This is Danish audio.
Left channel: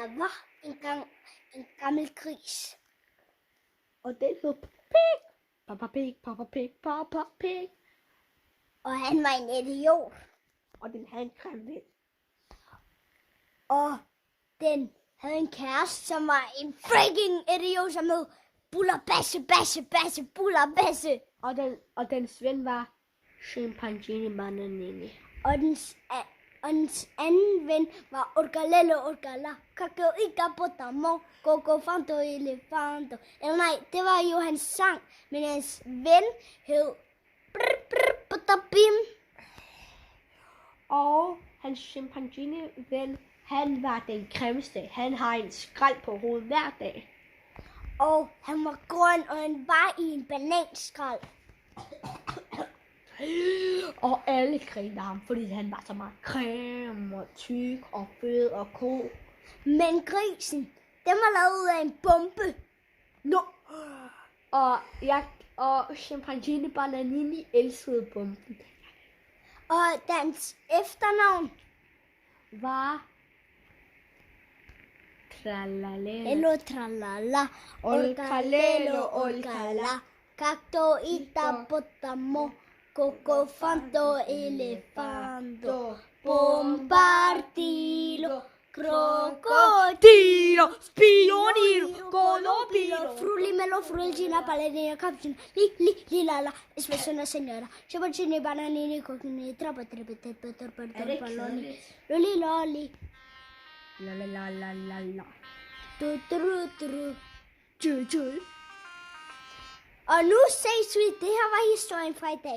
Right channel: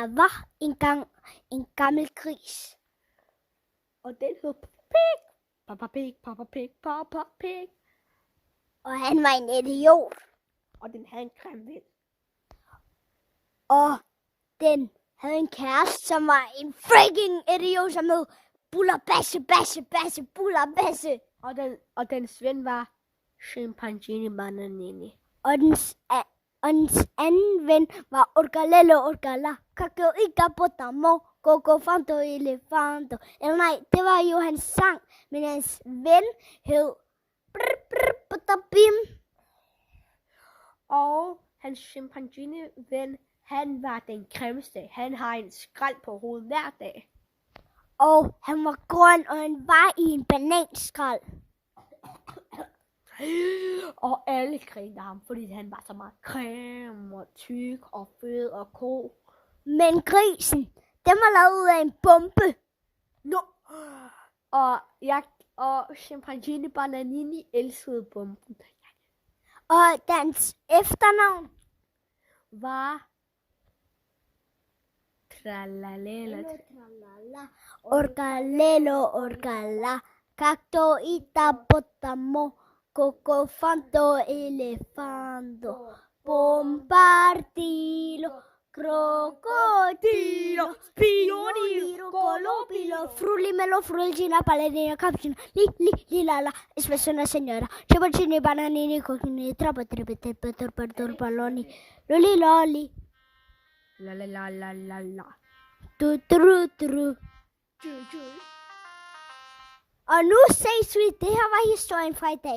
Der var engang en gammel gris. Og den hed Pig. Papa Pig, Papa Pig, Papa Pig. Og han var en idiot. Og den havde en grim ven. Og den havde en kæreste, som var en freaking idiot, som hed Buller Basse, Basse, Basse, Buller Basse. Og dens ven var Chimpanzini Bananini. Og dens anden ven var Orgalello Orgala. Kakao Ika Potamo, Coco Fanto Elefanto. Eller nej, det var jo hans sang, men hans ven hed Potabim. Og hans chimpanzini ven, han var den grimmeste. Han har en skrald på hovedet hver dag. Og han var grøn, og han var i en bananskrald. Og alle griner ham, fordi han var så meget creme og tyk og fed og god. Men grisen, den var lavet af en bombe. No. Og Chimpanzini Bananini elskede bomben. Og dens efternavn Var Tralalelo. Hello tralala, orgalelo orgala, cacto ita potamo, coco fanto elefanto, bombardilo, crocodilo, Spionilo, Colombo, frulimelo, frulgina, paladina, cappuccino, lilala, espressione signora, ciponcini, bananini, cocchini, troppo, palloni, loli loli. La la la la la la. Tru. Tju. Og nu ses vi. Det her var historien fra i dag.